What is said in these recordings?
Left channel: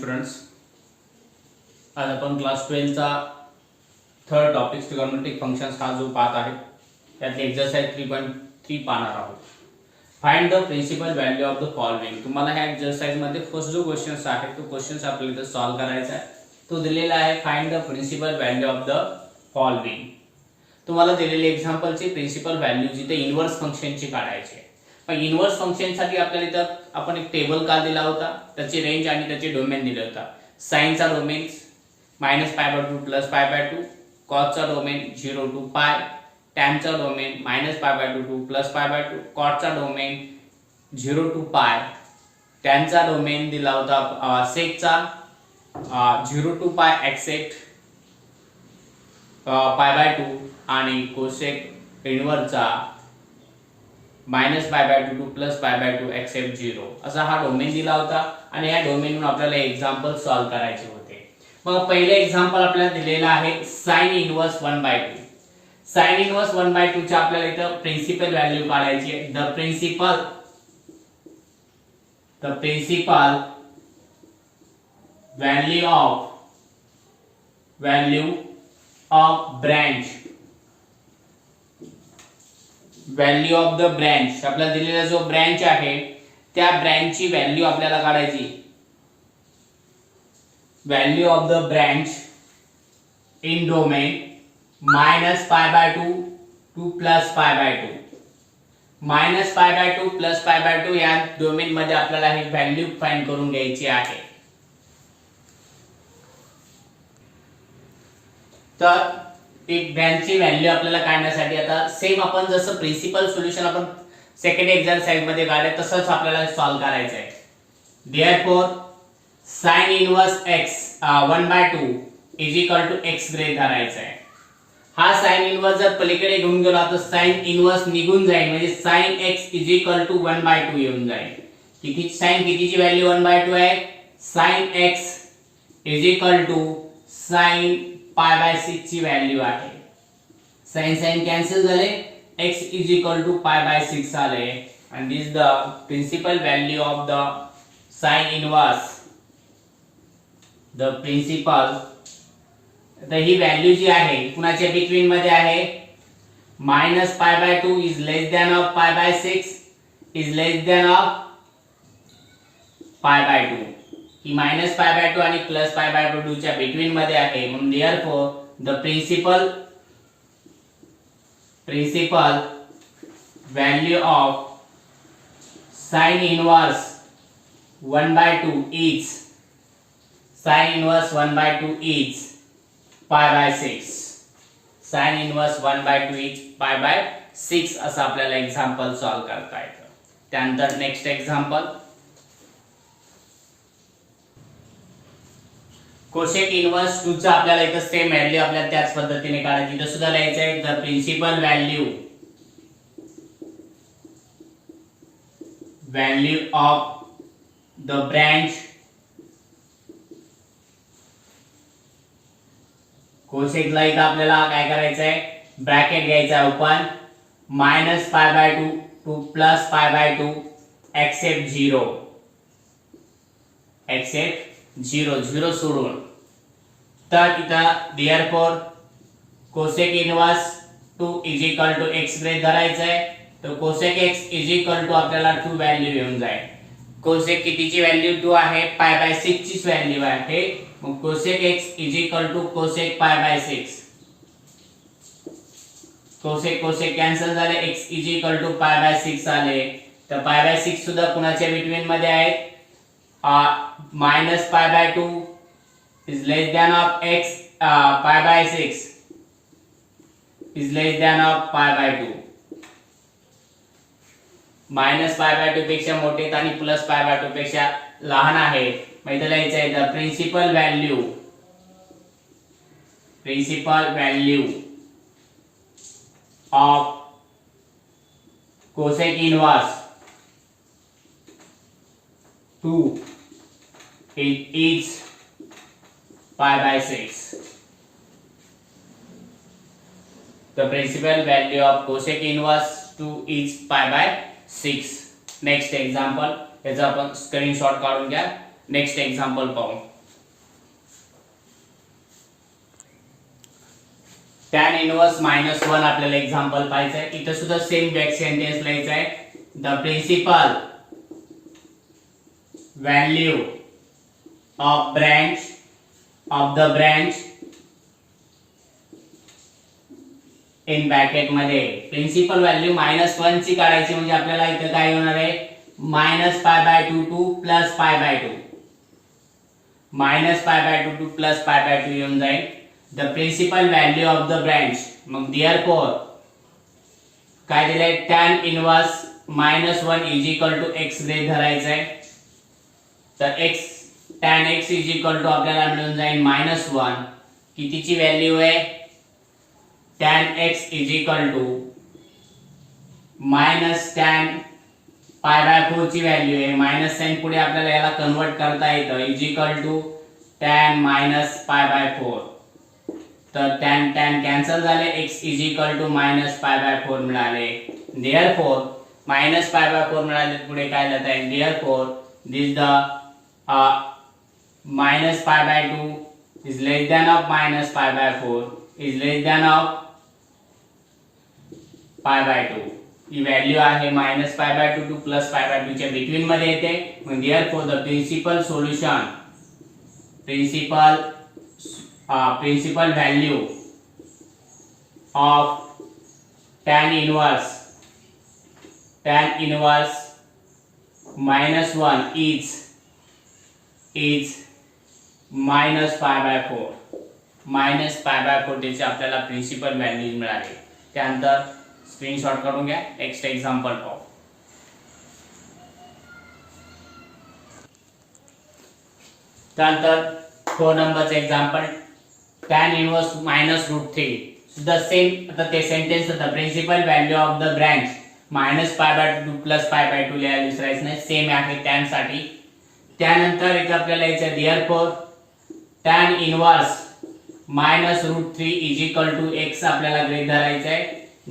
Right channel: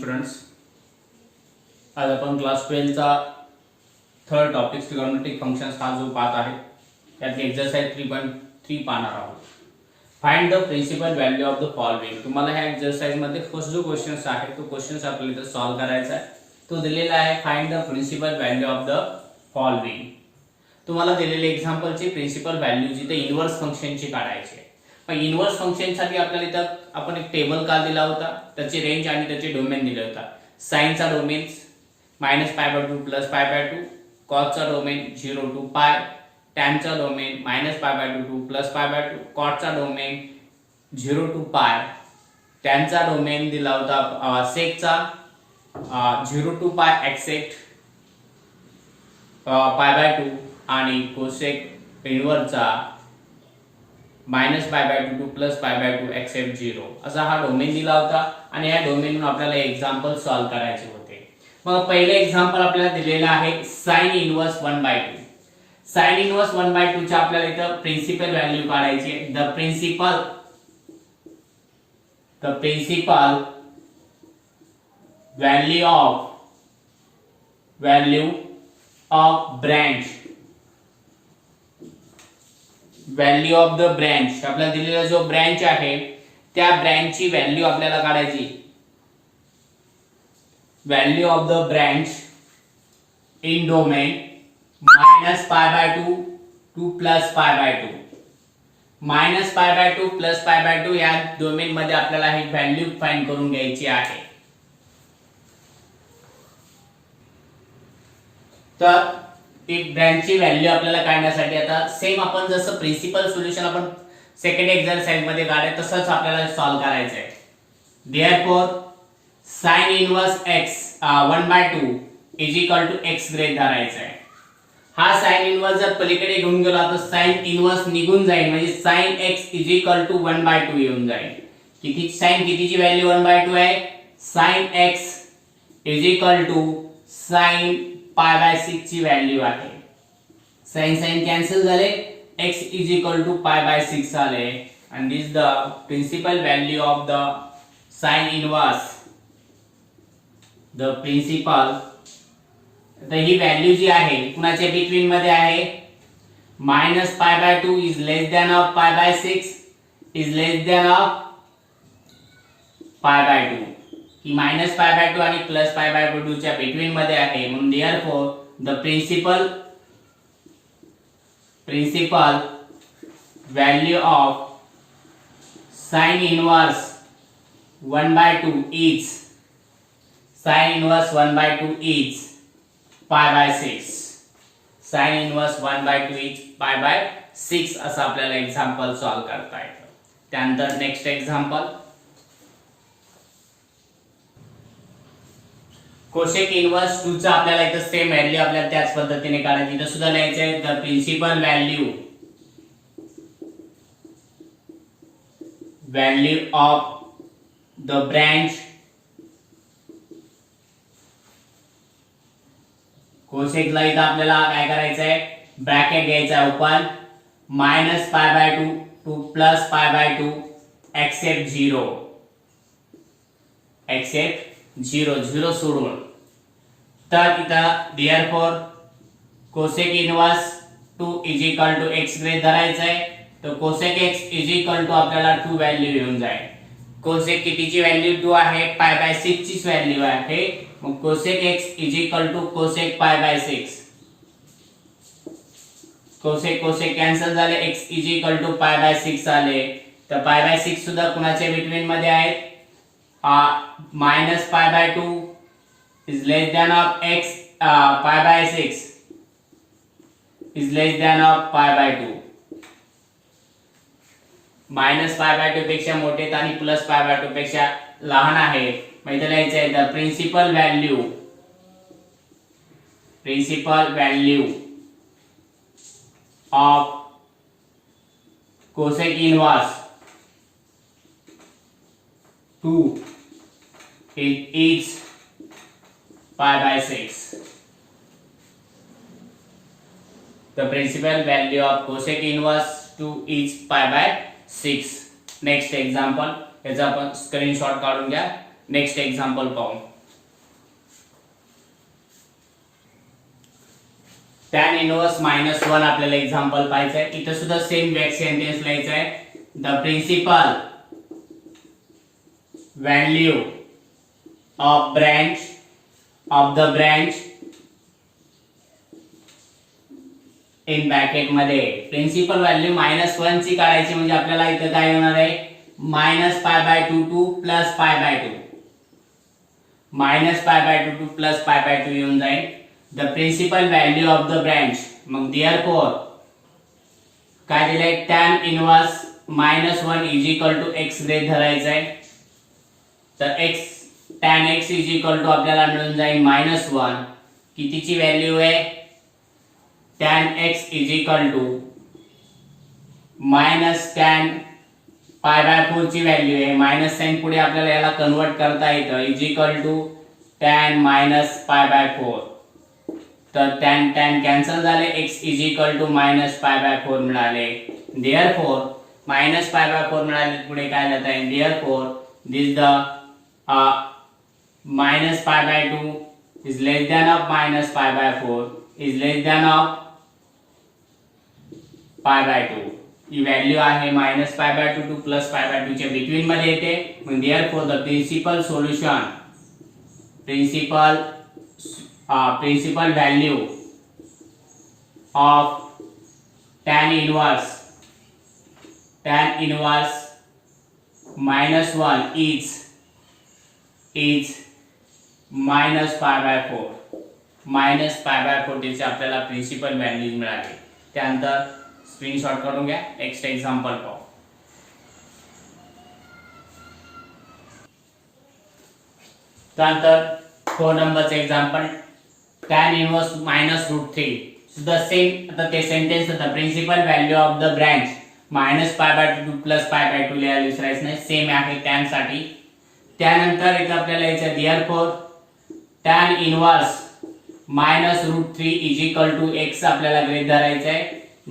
Students. आज आपण class 12 चा थर्ड टॉपिक ट्रिगोनोमेट्रिक फंक्शन्स हा जो पाहत आहे त्यातले एक्सरसाइज 3.3 पाहणार आहोत. Find the principal value of the following. तुम्हाला ह्या एक्सरसाइज मध्ये फर्स्ट जो क्वेश्चन्स आहे तो क्वेश्चन्स आपल्याला इथे सॉल्व करायचा आहे. तो दिलेला आहे find the principal value of the following. तुम्हाला दिलेले एक्झाम्पलची प्रिन्सिपल व्हॅल्यू जिथे इन्व्हर्स फंक्शनची काढायची आहे. पण इन्व्हर्स फंक्शनसाठी आपल्याला इथं आपण एक टेबल का दिला होता, त्याची रेंज आणि त्याचे डोमेन दिले होता. साइनचा डोमेन -π/2 +π/2, कॉसचा डोमेन 0 to π, टॅनचा डोमेन -π/2 to +π/2, कॉटचा डोमेन 0 to π, टॅनचा डोमेन दिला होता सेकचा 0 to π एक्सेप्ट π/2 आणि कोसेक इन्व्हर्सचा -π/2 to +π/2 एक्सेप्ट 0 असा हा डोमेन दिला होता आणि या डोमेनवरून आपल्याला एक्झाम्पल सॉल्व करायचे होते. मग पहिले एक्झाम्पल आपल्याला दिलेला आहे sin इन्व्हर्स 1/2. sin इन्व्हर्स 1/2 च्या आपल्याला इथं प्रिन्सिपल व्हॅल्यू काढायची आहे. The principal value of branch, value of the branch आपल्याला दिलेला जो ब्रांच आहे त्या ब्रांचची व्हॅल्यू आपल्याला काढायची. Value of the branch in domain -π/2 to +π/2. -π/2 +π/2 या डोमेन मध्ये आपल्याला ही व्हॅल्यू फाइंड करून घ्यायची आहे. तर ती ब्रांचची व्हॅल्यू आपल्याला काढण्यासाठी आता सेम आपण जसं प्रिन्सिपल सोल्युशन आपण सेकंड एक्सरसाइज मध्ये काढले तसंच आपल्याला सॉल्व करायचं आहे. Therefore sin inverse x 1/2 is equal to x ग्रेड धरायचा आहे. हा sin इन्व्हर्स जर पलीकडे घेऊन गेला तर sin इन्व्हर्स निघून जाईल, म्हणजे sin x is equal to 1/2 येऊन जाईल. किती sin कितीची व्हॅल्यू 1/2 आहे? sin x is equal to sin π/6 ची व्हॅल्यू आहे. sin कॅन्सल झाले, x इज इक्वल टू π/6 आले and this the principal value of the sin inverse. The principal तर ही व्हॅल्यू जी आहे कुणाच्या बिटवीन मध्ये आहे? -π/2 is less than of π/6 is less than of π/2. ही -π/2 आणि +π/2 च्या बिटवीन मध्ये आहे. म्हणून therefore the principal value of sin inverse 1/2 is sin inverse 1/2 is π/6. sin inverse 1/2 is π/6 असं आपल्याला एक्झाम्पल सॉल्व करता येतं. त्यानंतर नेक्स्ट एक्झाम्पल कोसेक इन्व्हर्स 2 चा आपल्याला इथं सेम व्हॅल्यू आपल्याला त्याच पद्धतीने काढायची. इथं सुद्धा लिहायचं आहे the principal value of the branch कोसेकला इथं आपल्याला काय करायचं आहे? ब्रॅकेट घ्यायचा आहे ओपन -π/2 to +π/2 एक्सेप्ट 0 0 सोडून. तर इथं therefore cosec inverse 2 is equal to x grade धरायचं आहे. तर cosec x is equal to आपल्याला 2 व्हॅल्यू येऊन जाईल. कोसेक कितीची व्हॅल्यू 2 आहे? π/6 ची व्हॅल्यू आहे. मग cosec x is equal to cosec π/6. Cosec cancel झाले, x इज इक्वल टू π/6 आले. तर π/6 सुद्धा कुणाच्या बिटवीन मध्ये आहे? -π/2 is less than of x π/6 is less than of π/2. -π/2 पेक्षा मोठे आणि +π/2 पेक्षा लहान आहे. मग इथं लिहायचं आहे the principal value of cosec inverse 2 is π/6. The principal value of cosec inverse 2 is π/6. Next example, याचा आपण स्क्रीनशॉट काढून घ्या. नेक्स्ट एक्झाम्पल पाहू. tan इनवर्स -1 आपल्याला एक्झाम्पल पाहायचं आहे. इथं सुद्धा सेम बॅक सेंटेन्स लिहायचं आहे. The principal value of the branch in bracket मध्ये प्रिन्सिपल व्हॅल्यू -1 ची काढायची म्हणजे आपल्याला इथं काय होणार आहे -π/2 टू +π/2 -π/2 टू +π/2 येऊन जाईल. The principal value of the branch मग देअरफॉर काय दिलंय tan inverse -1 is equal to x grade धरायचं आहे. तर x tan x is equal to आपल्याला मिळून जाईल -1. कितीची व्हॅल्यू आहे tan x is equal to tan π/4 ची व्हॅल्यू आहे. मायनस साइन पुढे आपल्याला याला कन्वर्ट करता येतं इज इक्वल टू tan -π/4. तर tan कॅन्सल झाले x इज इक्वल टू -π/4 मिळाले. देअरफॉर -π/4 मिळाले पुढे काय लिहिता येईल therefore this the -π/2 is less than of -π/4 is less than of π/2. ही व्हॅल्यू आहे -π/2 टू +π/2 च्या बिटवीन मध्ये येते. मग therefore the principal value of tan inverse -1 is -π/4. -π/4 त्याची आपल्याला प्रिन्सिपल व्हॅल्यू मिळाली. त्यानंतर स्क्रीनशॉट करून घ्या. नेक्स्ट एक्झाम्पल पाहू. त्यानंतर 4 नंबरचं एक्झाम्पल tan इनवर्स -√3 सुद्धा सेम. आता ते sentence the principal value of the branch -π/2 to +π/2 लिहायला विसरायचं नाही. सेम आहे tan साठी. त्यानंतर इथं आपल्याला याच्या therefore tan inverse -√3 is equal to x आपल्याला ग्रेड धरायचं आहे.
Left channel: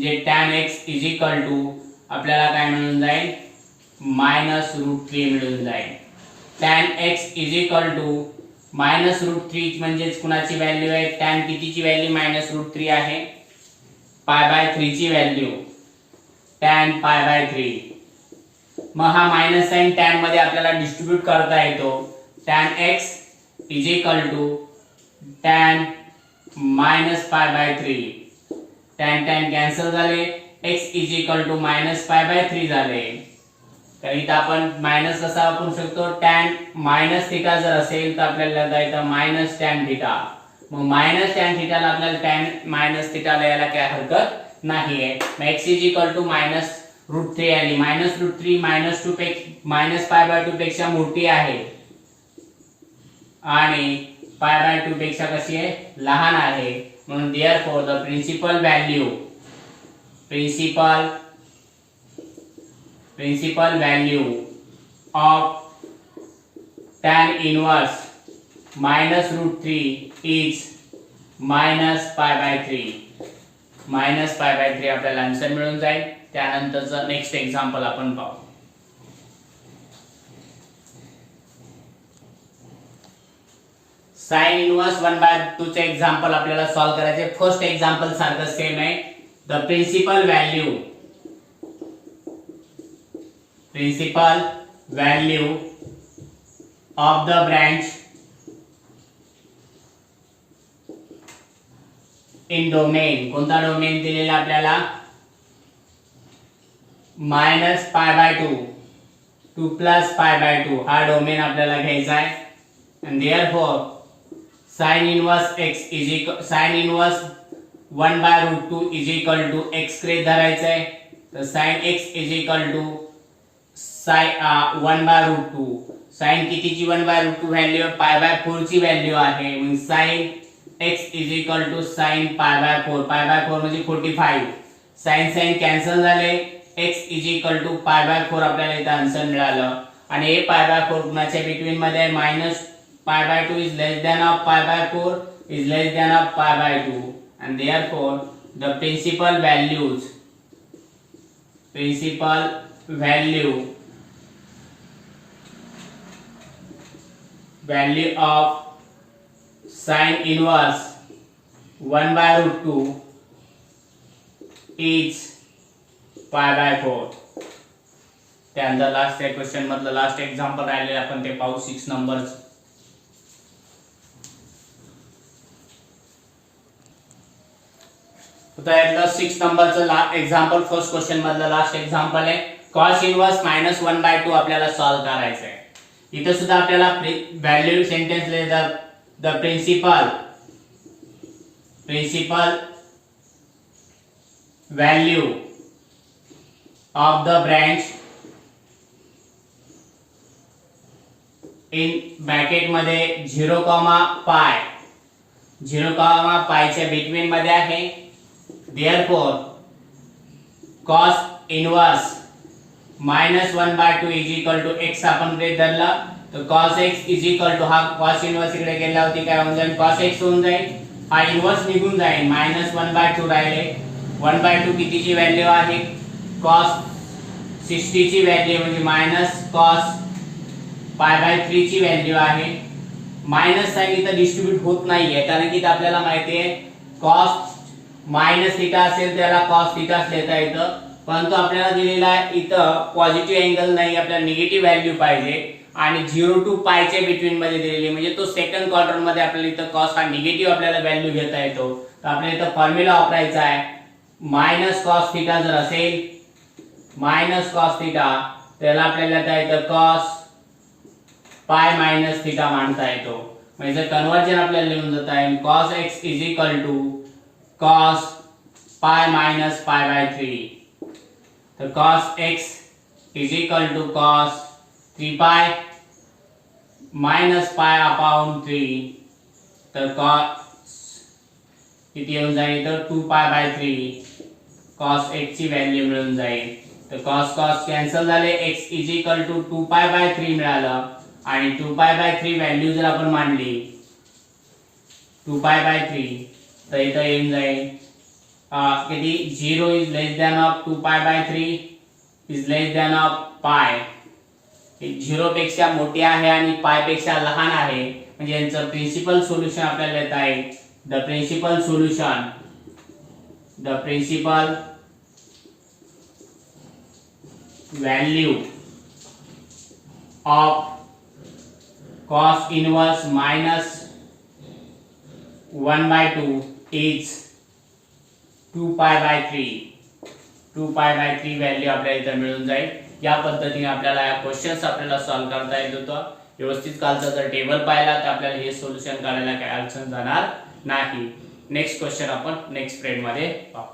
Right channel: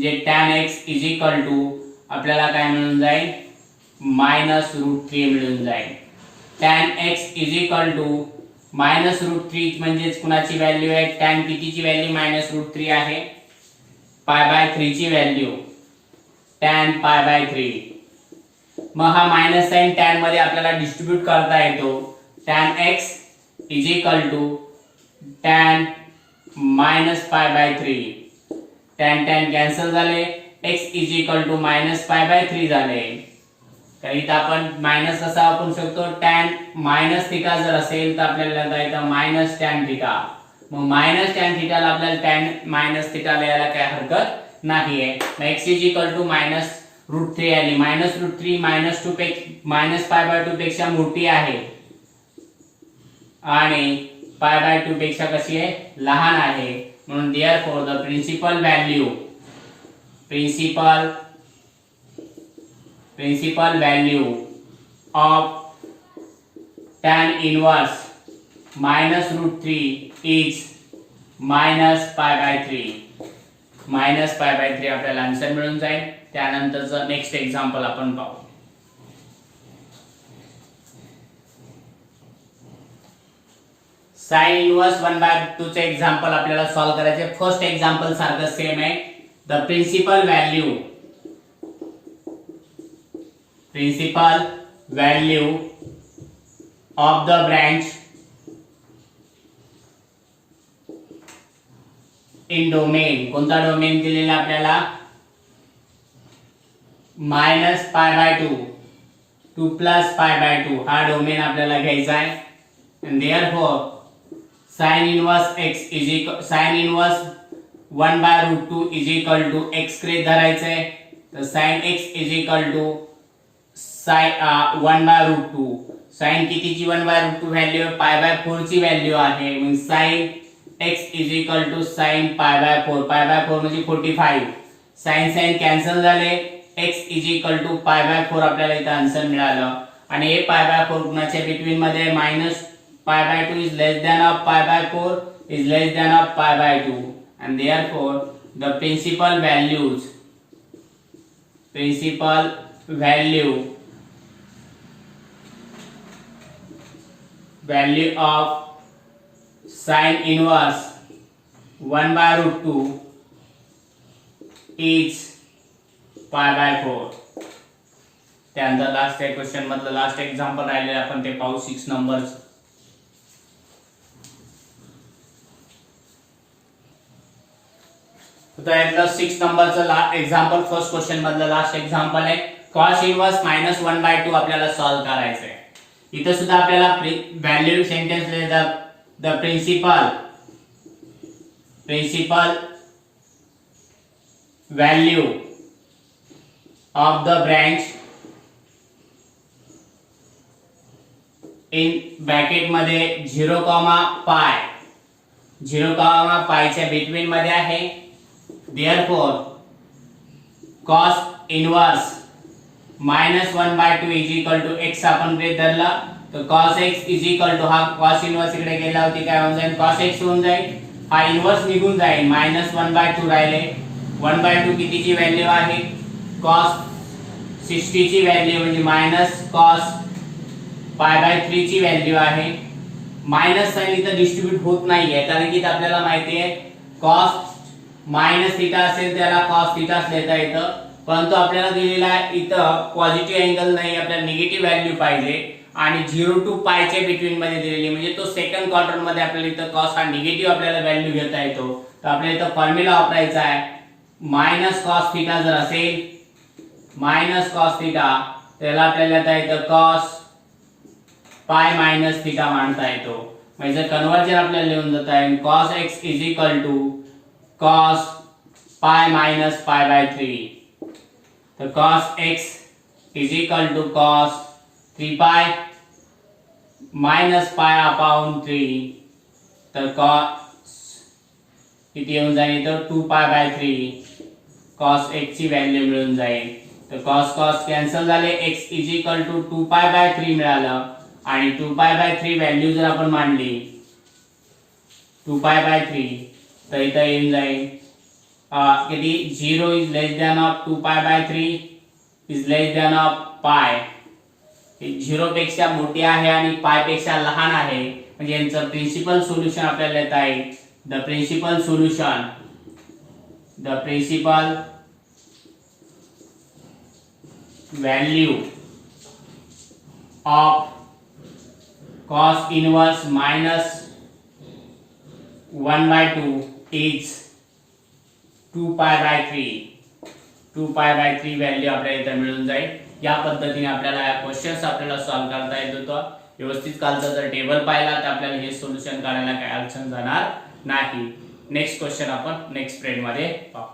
जे tan x is equal to आपल्याला काय मिळून जाईल -√3 मिळून जाईल. tan x is equal to -√3 म्हणजे कुणाची व्हॅल्यू आहे tan कितीची व्हॅल्यू -√3 आहे π/3 ची व्हॅल्यू tan π/3. मग हा मायनस साइन tan मध्ये आपल्याला डिस्ट्रीब्यूट करता येतो. tan x is equal to tan -π/3. tan cancel झाले. x इज इक्वल टू -π/3 झाले. तर इथं आपण मायनस कसा वापरू शकतो tan -θ जर असेल तर आपल्याला लिहिता येतं -tan θ. मग -tan θ ला आपल्याला tan -θ लिहायला काय हरकत नाहीये. मग x इज इक्वल टू -√3 आली. -√3 -π/2 पेक्षा मोठी आहे आणि π/2 पेक्षा कशी आहे लहान आहे. म्हणून therefore the principal value of tan inverse -√3 is -π/3. -π/3 आपल्याला आन्सर मिळून जाईल. त्यानंतरचं नेक्स्ट एक्झाम्पल आपण पाहू. sin इनवर्स 1/2 चे एक्झाम्पल आपल्याला सॉल्व्ह करायचे. फर्स्ट एक्झाम्पल सारखं सेम आहे. The principal value of the branch in domain. कोणता डोमेन दिलेला आपल्याला -π/2 टू +π/2 हा डोमेन आपल्याला घ्यायचा आहे. and therefore sin inverse 1/√2 is equal to x grade धरायचं आहे. तर sin x is equal to 1/√2. sin कितीची 1/√2 व्हॅल्यू π/4 ची व्हॅल्यू आहे. मग sin x is equal to sin π/4. π/4 म्हणजे 45. sin कॅन्सल झाले. x इज इक्वल टू π/4 आपल्याला इथं आन्सर मिळालं. आणि हे π/4 कुणाच्या बिटवीन मध्ये -π/2 is less than of π/4 is less than of π/2 and therefore the principal value of sin inverse 1/√2 is π/4. त्यानंतर लास्ट क्वेश्चन मधलं लास्ट एक्झाम्पल राहिले आपण ते पाहू 6 नंबरचं. तर 6 नंबरचं एक्झाम्पल फर्स्ट क्वेश्चन मधलं लास्ट एक्झाम्पल आहे. cos इनवर्स -1/2 आपल्याला सॉल्व करायचं आहे. इथं सुद्धा आपल्याला value sentence the principal value of the branch in bracket मध्ये 0, पाय 0, पायच्या बिटवीन मध्ये आहे. therefore cos inverse -1/2 is equal to x आपण ब्रेक धरला तर cos x is equal to हा cos इनवर्स इकडे गेल्यावरती काय होऊन जाईल cos x होऊन जाईल. हा इनवर्स निघून जाईल -1/2 राहिले. 1/2 कितीची व्हॅल्यू आहे cos 60 ची व्हॅल्यू म्हणजे मायनस cos π/3 ची व्हॅल्यू आहे. मायनस साइन इथं डिस्ट्रीब्यूट होत नाहीये कारण की आपल्याला माहिती आहे cos -θ असेल त्याला cos θ लिहिता येतं, परंतु आपल्याला दिलेला आहे इथं पॉझिटिव्ह अँगल नाही, आपल्याला निगेटिव्ह व्हॅल्यू पाहिजे आणि 0 to π च्या बिटवीन मध्ये दिलेली म्हणजे तो सेकंड क्वार्टर मध्ये आपल्याला इथं cos हा निगेटिव्ह आपल्याला व्हॅल्यू घेता येतो. तर आपल्याला इथं फॉर्म्युला वापरायचा आहे -cos θ जर असेल -cos θ त्याला आपल्याला काय येतं cos π - θ मांडता येतो. म्हणजे कन्वर्जन आपल्याला लिहून जात आहे cos x is equal to cos π - π/3. तर cos x is equal to cos 3π - π/3. तर cos किती येऊन जाईल तर 2π/3 cos x ची व्हॅल्यू मिळून जाईल. तर cos कॅन्सल झाले, x इज इक्वल टू 2π/3 मिळालं आणि 2π/3 व्हॅल्यू जर आपण मांडली 2π/3 तर इथं येऊन जाईल किती 0 is less than of 2π/3 is less than of pi. 0 पेक्षा मोठी आहे आणि पाय पेक्षा लहान आहे म्हणजे यांचं प्रिन्सिपल सोल्युशन आपल्याला येत आहे. The principal value of cos inverse -1/2 is 2π/3. 2π/3 value आपल्याला इथे मिळून जाईल. या पद्धतीने आपल्याला क्वेश्चन्स आपल्याला सॉल्व करता येत होतं. व्यवस्थित कालचा जर टेबल पाहिला तर आपल्याला हे सोल्युशन काढायला काही अडचण जाणार नाही. नेक्स्ट क्वेश्चन आपण नेक्स्ट स्प्रेड मध्ये पाहू.